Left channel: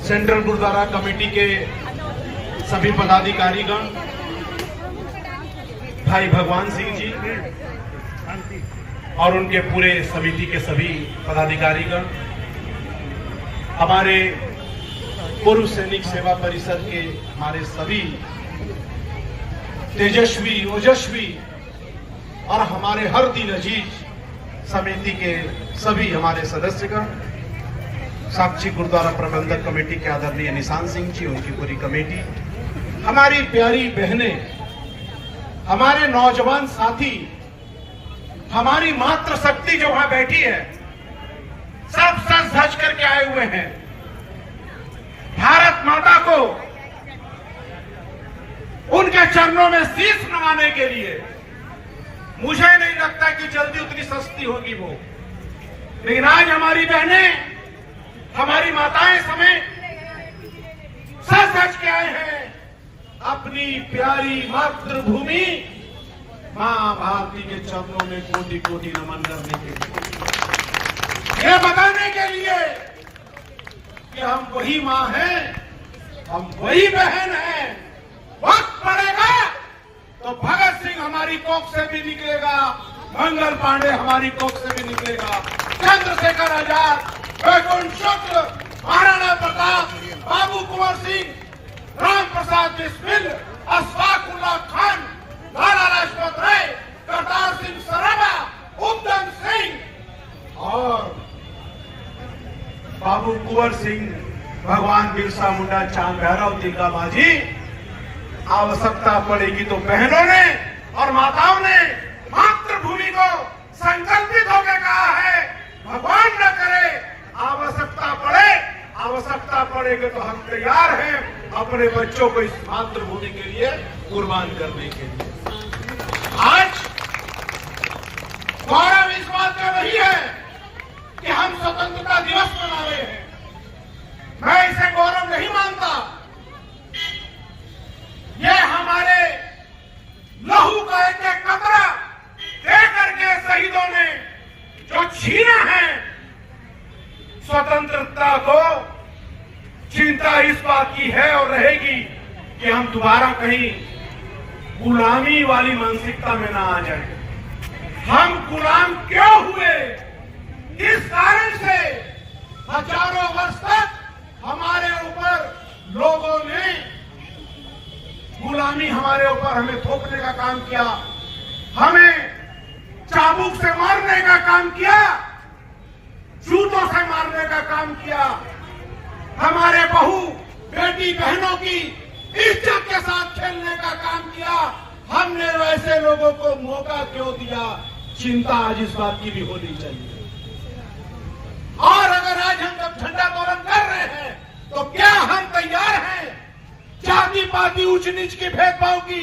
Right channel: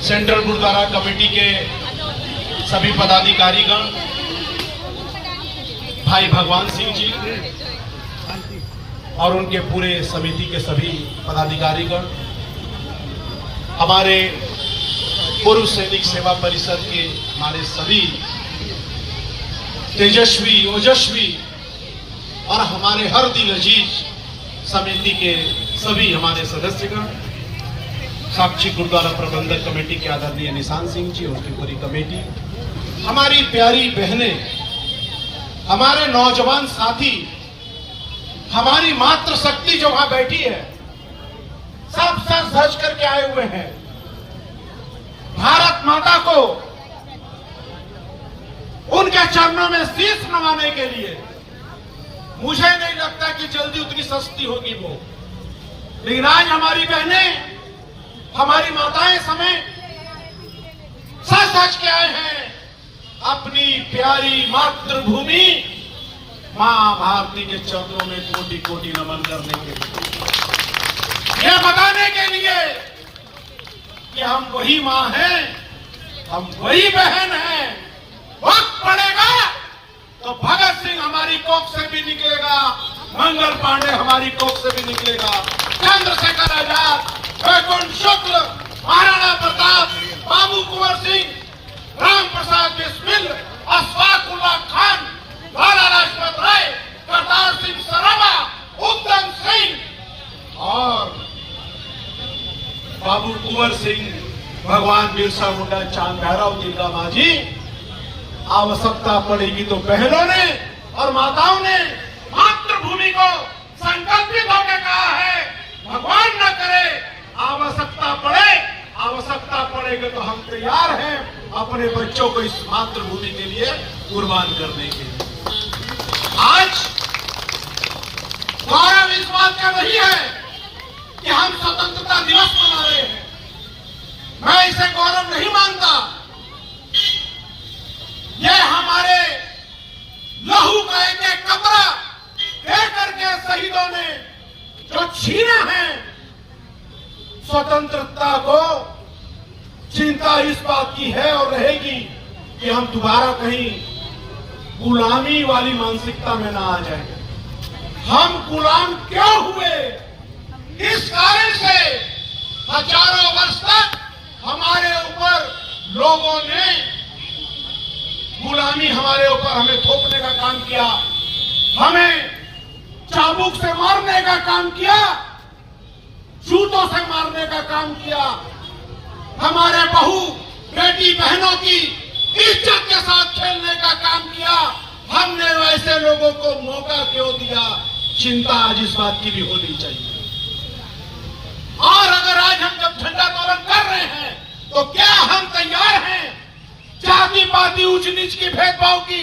Central gurdwara committee के सभी पदाधिकारीगण, भाई भगवान सिंह जी और उनके पूरे समिति के सभी पदाधिकारीगण, हमारे पूर्व सैनिक सेवा परिषद के हमारे सभी तेजस्वी ओजस्वी और हमारे हर दिल अजीज समिति के सभी हमारे सदस्यगण, साक्षी गुरुद्वारा प्रबंधक कमेटी के आदरणीय निशान सिंह जी, उनकी पूरी कमेटी, हमारी प्यारी बहनें, हमारे नौजवान साथी, हमारी मातृशक्ति जो वहां बैठी है, सब सज धज करके आए हुए हैं। भारत माता को उनके चरणों में शीश नवाने के लिए मुझे नहीं लगता कि जल्दी उतनी सस्ती होगी वो, लेकिन आज हमारी बहनें, हमारी माताएं समेत सच सच के आए हैं अपनी प्यारी मातृभूमि मां भारती के चरणों में कोटि कोटि नमन करने के लिए, यह बताने के लिए कि हम वही मां हैं, हम वही बहन हैं। वक्त पड़ेगा तो भगत सिंह हमारी कोख से भी निकलेगा, मंगल पांडे हमारी कोख से भी निकलेगा, चंद्रशेखर आजाद, वैकुंठ शुक्ल, महाराणा प्रताप, बाबू कुंवर सिंह, राम प्रसाद बिस्मिल, अशफाक उल्लाह खान, लाला लाजपत राय, करतार सिंह सराबा, उधम सिंह और बाबू कुंवर सिंह, भगवान बिरसा मुंडा, चांद भैरव, तिलका मांझी। आवश्यकता पड़ेगी तो बहनों ने और माताओं ने मातृभूमि को संकल्पित होकर कहा है, भगवान न करे आवश्यकता पड़ेगी तो हम तैयार हैं अपने बच्चों को इस मातृभूमि के लिए कुर्बान करने के लिए। आज गौरव इस बात का नहीं है कि हम स्वतंत्रता दिवस मना रहे हैं, मैं इसे गौरव नहीं मानता। ये हमारे लहू का एक एक कतरा दे करके शहीदों ने जो छीना है, स्वतंत्रता को चिंता इस बात की है और रहेगी कि हम दोबारा कहीं गुलामी वाली मानसिकता में ना आ जाए। हम गुलाम क्यों हुए, किस कारण से हजारों वर्ष तक हमारे ऊपर लोगों ने गुलामी हमारे ऊपर हमें थोपने का काम किया, हमें चाबुक से मारने का काम किया, जूतों से मारने का काम किया, हमारे बहू बेटी बहनों की इज्जत के साथ खेलने का काम किया। हमने वैसे लोगों को मौका क्यों दिया, चिंता आज इस बात की भी होनी चाहिए। और अगर आज हम जब झंडा तोलन कर रहे हैं तो क्या हम तैयार हैं जाति पाति ऊंच नीच के भेदभाव की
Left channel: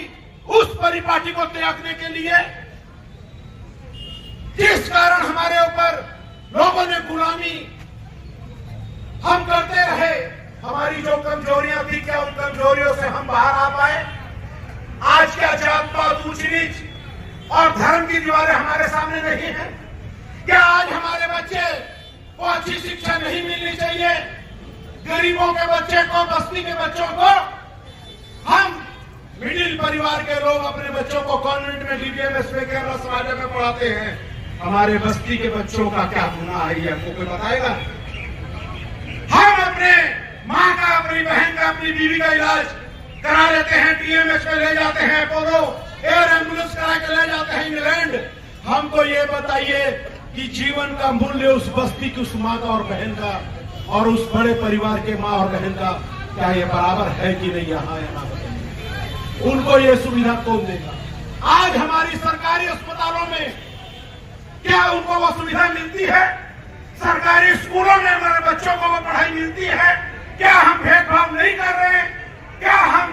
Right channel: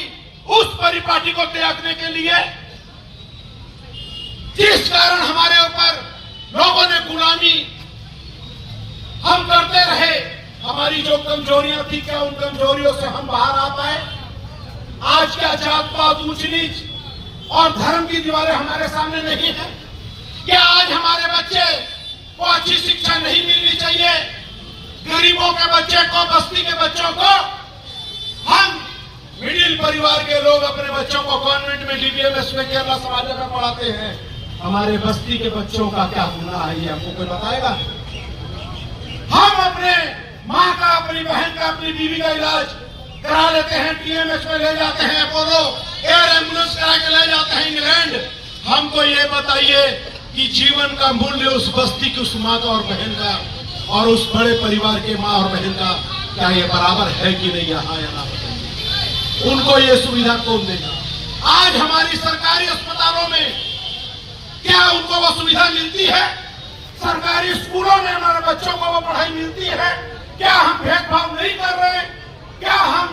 उस परिपाटी को त्यागने के लिए जिस कारण हमारे ऊपर लोगों ने गुलामी हम करते रहे। हमारी जो कमजोरियां थी, क्या उन कमजोरियों से हम बाहर आ पाए? आज क्या जात पात ऊंच नीच और धर्म की दीवारें हमारे सामने नहीं है? क्या आज हमारे बच्चे को अच्छी शिक्षा नहीं मिलनी चाहिए? गरीबों के बच्चे को, बस्ती के बच्चों को, हम मिडिल परिवार के लोग अपने बच्चों को कॉन्वेंट में, डीबीएमएस में, केरला समाज में पढ़ाते हैं। हमारे बस्ती के बच्चों का क्या गुनाह है, ये हमको कोई बताएगा? हम अपने माँ का, अपनी बहन का, अपनी बीवी का इलाज करा लेते हैं, टीएमएस में ले जाते हैं, अपोलो एयर एम्बुलेंस करा के ले जाते हैं इंग्लैंड। हमको ये बताइए कि जीवन का मूल्य उस बस्ती की, उस माँ का और बहन का और उस बड़े परिवार के माँ और बहन का क्या ये बराबर है कि नहीं? यहाँ या ना बताइए, उनको ये सुविधा कौन देगा? आज हमारी सरकारी अस्पतालों में क्या उनको वो सुविधा मिलती है? सरकारी स्कूलों में हमारे बच्चों को वो पढ़ाई मिलती है? क्या हम भेदभाव नहीं कर रहे? क्या हम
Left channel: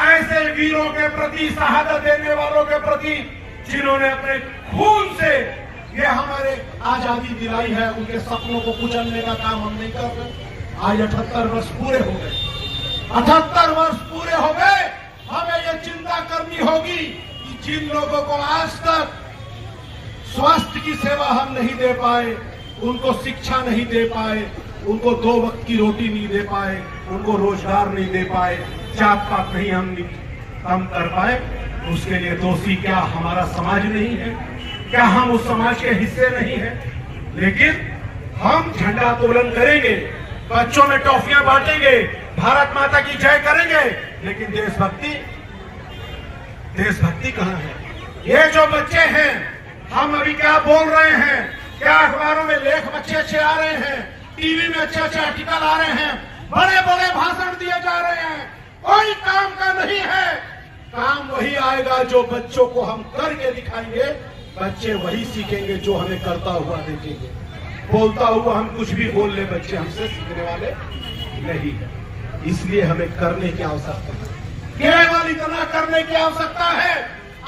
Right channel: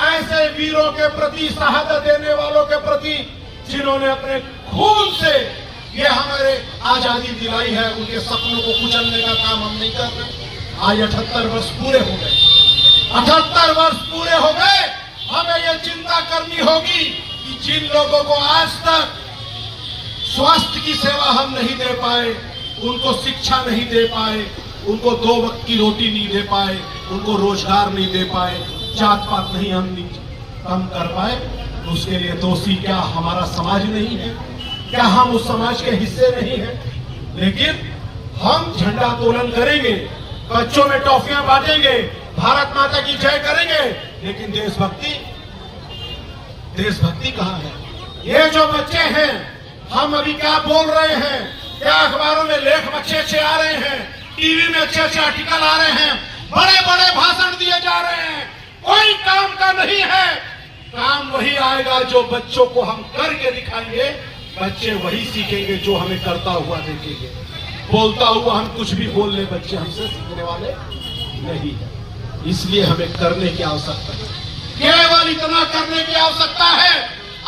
ऐसे वीरों के प्रति, शहादत देने वालों के प्रति, जिन्होंने अपने खून से ये हमारे आजादी दिलाई है, उनके सपनों को कुचलने का काम हम नहीं कर रहे? आज 78 वर्ष पूरे हो गए, 78 वर्ष पूरे हो गए। हमें ये चिंता करनी होगी कि जिन लोगों को आज तक स्वास्थ्य की सेवा हम नहीं दे पाए, उनको शिक्षा नहीं दे पाए, उनको 2 वक्त की रोटी नहीं दे पाए, उनको रोजगार नहीं दे पाए, जात पात नहीं हम कम कर पाए, उसके लिए दोषी क्या हमारा समाज नहीं है? क्या हम उस समाज के हिस्से नहीं हैं? लेकिन हम झंडा तोलन करेंगे, बच्चों में टॉफियां बांटेंगे, भारत माता की जय करेंगे, लेकिन देशभक्ति कहां है? ये जो बच्चे हैं, हम अभी क्या बोल रहे हैं, क्या अखबारों में लेख अच्छे आ रहे हैं, टीवी में अच्छे आर्टिकल आ रहे हैं, बड़े बड़े भाषण दिए जा रहे हैं, कोई काम का नहीं है। काम वही आएगा जो बच्चों को हम करके दिखाएंगे, बच्चे वही सीखेंगे जो हमें करता हुआ देखेंगे। बोलता हुआ हम कुछ भी बोल ले, बच्चे हमसे सीखने वाले नहीं है। इसलिए हमें करने की आवश्यकता है, केवल इतना करने की आवश्यकता है।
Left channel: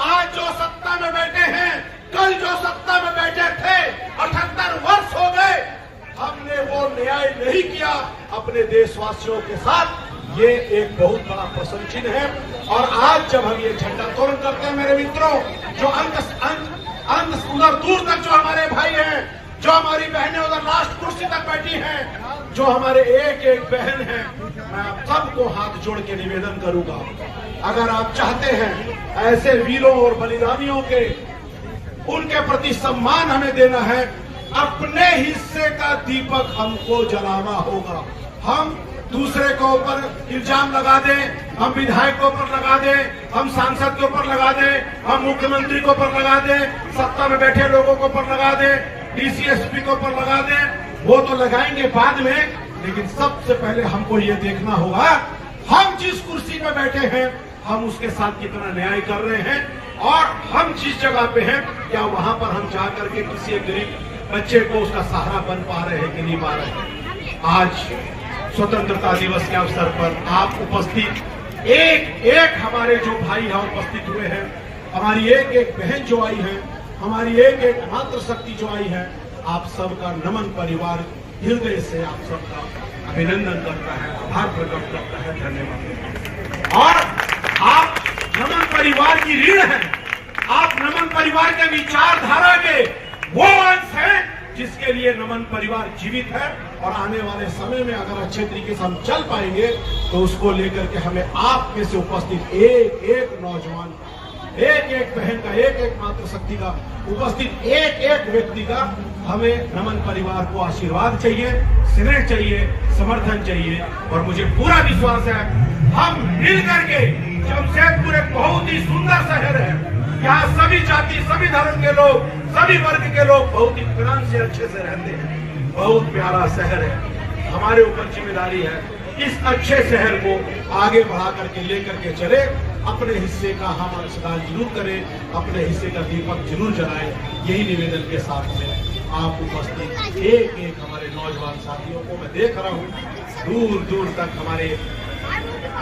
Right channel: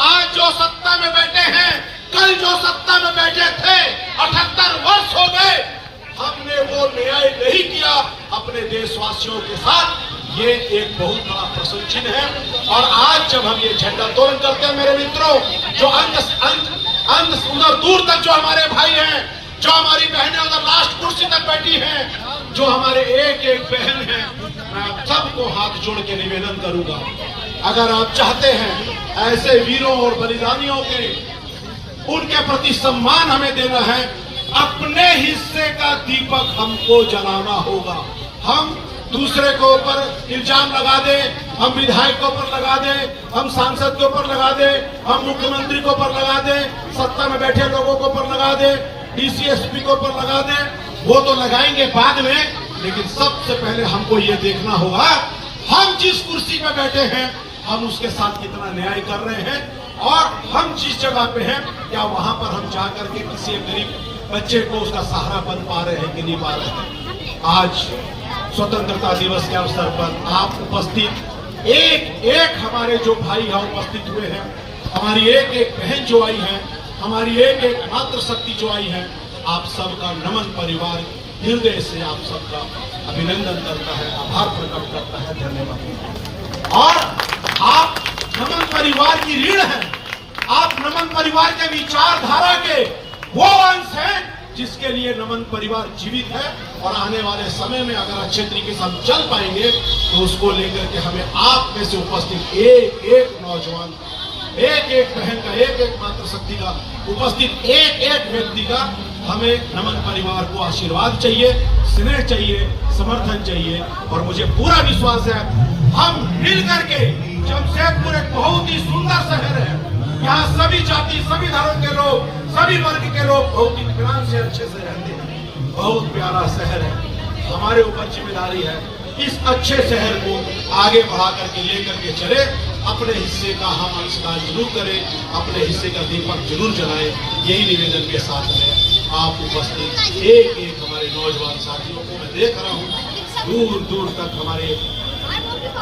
आज जो सत्ता में बैठे हैं, कल जो सत्ता में बैठे थे, 78 वर्ष हो गए, हमने वो न्याय नहीं किया अपने देशवासियों के साथ। ये एक बहुत बड़ा प्रश्न चिन्ह है। और आज जब हम ये झंडा तोलन करते हैं मेरे मित्रों, जो अंत सुंदर दूर तक जो हमारे भाई हैं, जो हमारी बहनें उधर लास्ट कुर्सी तक बैठी हैं, जो हमारे एक एक बहन हैं, मैं आप सबको हाथ जोड़ के निवेदन करूंगा, अगर आप चाहते हैं ऐसे वीरों और बलिदानियों के उनके प्रति सम्मान हमें देना है, अपने हिस्से का दीपक हमको जलाना होगा। हम दूसरे को ऊपर इल्जाम लगा दे, हम विधायक के ऊपर लगा दे, हम सांसद के ऊपर लगा दे, हम मुख्यमंत्री के ऊपर लगा दे, सत्ता में बैठे लोगों के ऊपर लगा दे, डीसीएसपी के ऊपर लगा दे, वो तो लगाएंगे बाद में। लेकिन सबसे पहले हमको ये देखना होगा, हम जिस कुर्सी पे बैठे हैं, हम उसके साथ कितना न्याय कर रहे हैं, और हम जिस जगह पे हैं, क्या वहां पर हम जाकर के किसी गरीब बच्चे को उसका सहारा बन पा रहे हैं कि नहीं पा रहे हैं। आज स्वतंत्रता दिवस के अवसर पर आप उपस्थित एक हमारे जो भाई हैं उपस्थित हुए हैं, हमारी एक बहन जो आई है, हमारी एक मातृशक्ति जो आई है, आप सबका नमन परिवार हृदय से आप सबका अभिनंदन करता है, आभार प्रकट करता है, धन्यवाद। और आप नमन परिवार की रीढ़ है, आप नमन परिवार के विचारधारा के वो अंश है जिसके लिए नमन परिवार जीवित है। और आने वाले समय में अगर अच्छे तरीके से हम चल पाएंगे तो उसको लेकर के हमें आप में से उपस्थित एक नौजवान, एक बहन का, एक मातृशक्ति का उपस्थित एक व्यक्ति का हमें नमन परिवार को आशीर्वाद चाहिए, स्नेह चाहिए, समर्थन चाहिए। और मुझे पूरा विश्वास है हम मिल करके, जमशेदपुर एक बहुत ही सुंदर शहर है, यहाँ सभी जाति, सभी धर्म के लोग, सभी वर्ग के लोग बहुत इत्मीनान से अच्छे से रहते हैं। बहुत प्यारा शहर है, हमारे ऊपर जिम्मेदारी है इस अच्छे शहर को आगे बढ़ा करके लेकर के चले, अपने हिस्से का हम अंशदान जरूर करें, अपने हिस्से का दीपक जरूर जलाएं। यही निवेदन के साथ में आप उपस्थित एक हमारे नौजवान साथियों को मैं देख रहा हूँ दूर दूर तक हमारे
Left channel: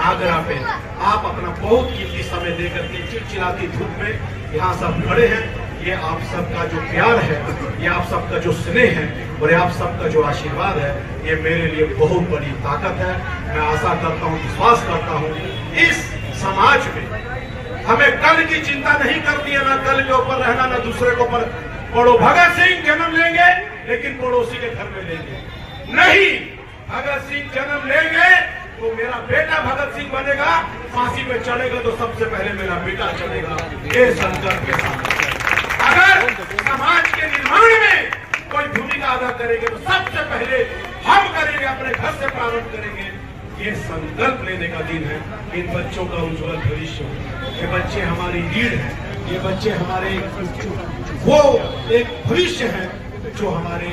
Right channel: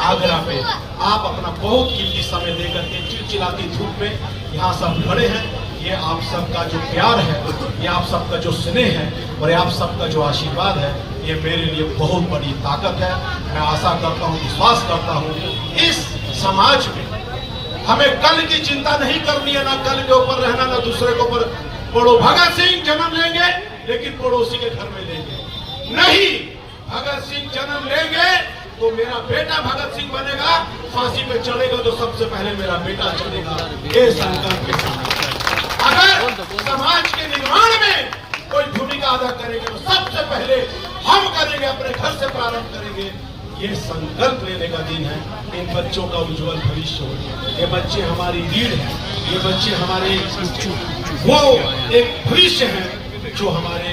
आगरा पे आप अपना बहुत कीमती समय देकर के चिलचिलाती धूप में यहाँ सब खड़े हैं। ये आप सबका जो प्यार है, ये आप सबका जो स्नेह है, और ये आप सबका जो आशीर्वाद है, ये मेरे लिए बहुत बड़ी ताकत है। मैं आशा करता हूँ, विश्वास करता हूँ, इस समाज में हमें कल की चिंता नहीं करनी है, ना कल के ऊपर रहना, ना दूसरे के ऊपर। भगत सिंह जन्म लेंगे लेकिन पड़ोसी के घर में लेंगे नहीं। भगत सिंह जन्म लेंगे तो मेरा बेटा भगत सिंह बनेगा, फांसी पे चढ़ेगा तो सबसे पहले मेरा बेटा चढ़ेगा। ये संकल्प के साथ अगर समाज के निर्माण में कोई भूमिका अदा करेंगे तो सबसे पहले हम करेंगे, अपने घर से प्रारंभ करेंगे। ये संकल्प लेने का दिन है। इन बच्चों का उज्जवल भविष्य हो, ये बच्चे हमारी रीढ़ है, ये बच्चे हमारे वो एक भविष्य है जो हमारे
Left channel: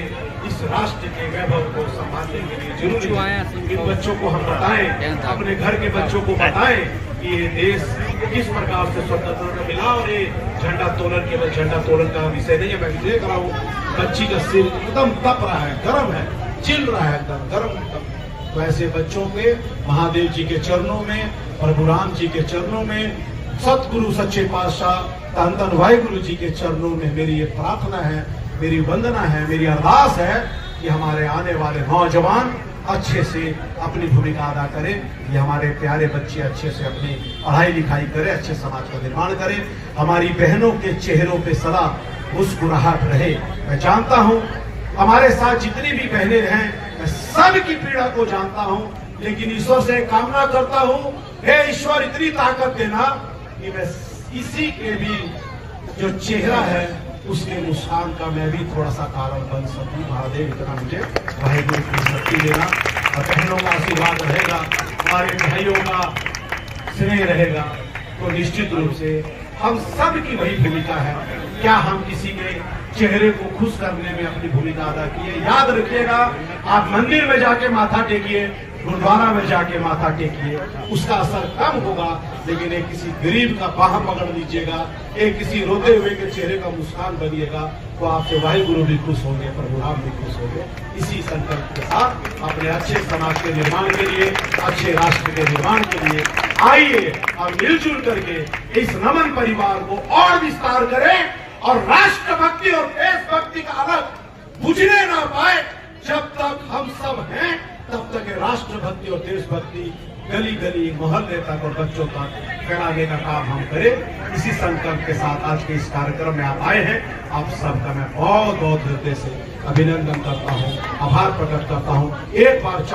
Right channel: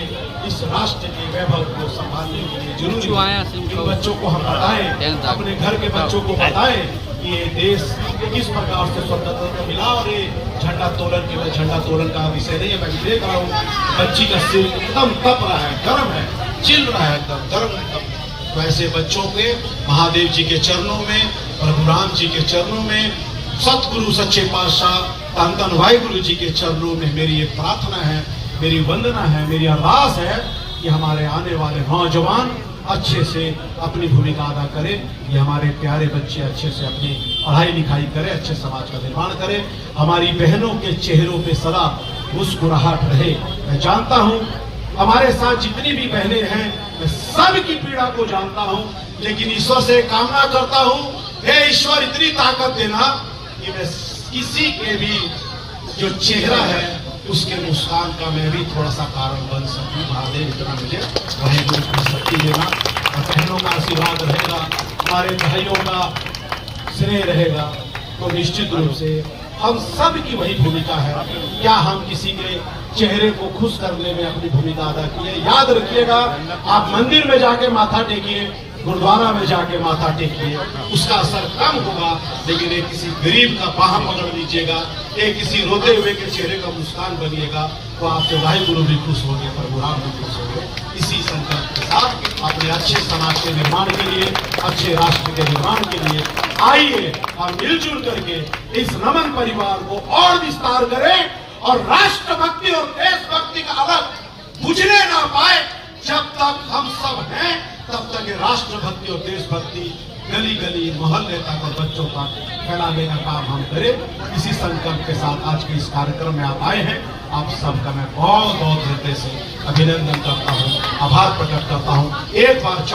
इस राष्ट्र के वैभव को संभालने के लिए जरूरी है। इन बच्चों को हम बताएं, अपने घर के बच्चों को बताएं कि ये देश किस प्रकार से स्वतंत्रता मिला। और ये झंडा तोलन के झंडा तोलन का विषय नहीं है। मैं देख रहा हूँ बच्ची का सिर एकदम तप रहा है, गर्म है, चिल रहा है, एकदम गर्म। तो ऐसे बच्चों के महादेव जी के चरणों में, प्रभु राम जी के चरणों में, सतगुरु सच्चे पातशाह धन भाई गुरु जी के चरणों में मेरी ये प्रार्थना है, मेरी वंदना है, मेरी आवाज है कि हमारे आने वाले नौजवान अच्छे से अपनी भूमिका अदा करें। ये हमारे प्यारे बच्चे अच्छे से अपनी पढ़ाई लिखाई करें, अच्छे समाज का निर्माण करें। हमारी बहनों के चेहरों पे सदा मुस्कुराहट रहे। मैं जानता हूँ हमारे साथ जितनी भी बहनें हैं मैं सबकी पीड़ा को जानता हूं, लेकिन ईश्वर से कामना करता हूं, हे ईश्वर इतनी ताकत देना कि मैं किसी के भी जो चेहरा है उसके मुस्कान का मैं भी थोड़ा सा कारण बन सकूं। महादेव इतना मुझे वाहेगुरु की शक्ति देना, और बहनों का आशीर्वाद रहेगा, हमारे भाइयों का स्नेह रहेगा, तो निश्चित रूप से हम सब की वही भूमिका है। क्या हम किसी के चेहरे को खुश करने में अपनी भूमिका अदा किए? याद रखिएगा, आप मंदिर में जाके माथा टेकिए, गुरुद्वारा में जाके माथा टेकिए, उसका असर कम होगा, लेकिन एक किसी गरीब का बाह पकड़ लीजिएगा, एक किसी रोते हुए के चेहरे का मुस्कान बनिएगा, तो आपके वाहिगुरु भी खुश होंगे, प्रभु राम भी खुश होंगे। इसी संकल्प के साथ अपने अच्छे समाज के निर्माण के लिए, अच्छे राष्ट्र के निर्माण के लिए आइए हम मिलजुल करके इस नमन परिवार को और विस्तार करें, और राष्ट्रभक्ति और देशभक्ति का अलग बुझने ना पाए। जब तक हम सब हैं तब तक ये राष्ट्रभक्ति और देशभक्ति गली गली मोहल्ले तक और बच्चों तक फैलाने का काम हम करें। इसी संकल्प के साथ आज के इस कार्यक्रम में आप आए हैं। आप सबका मैं बहुत बहुत हृदय से अभिनंदन करता हूँ, आभार प्रकट करता हूँ। एक बार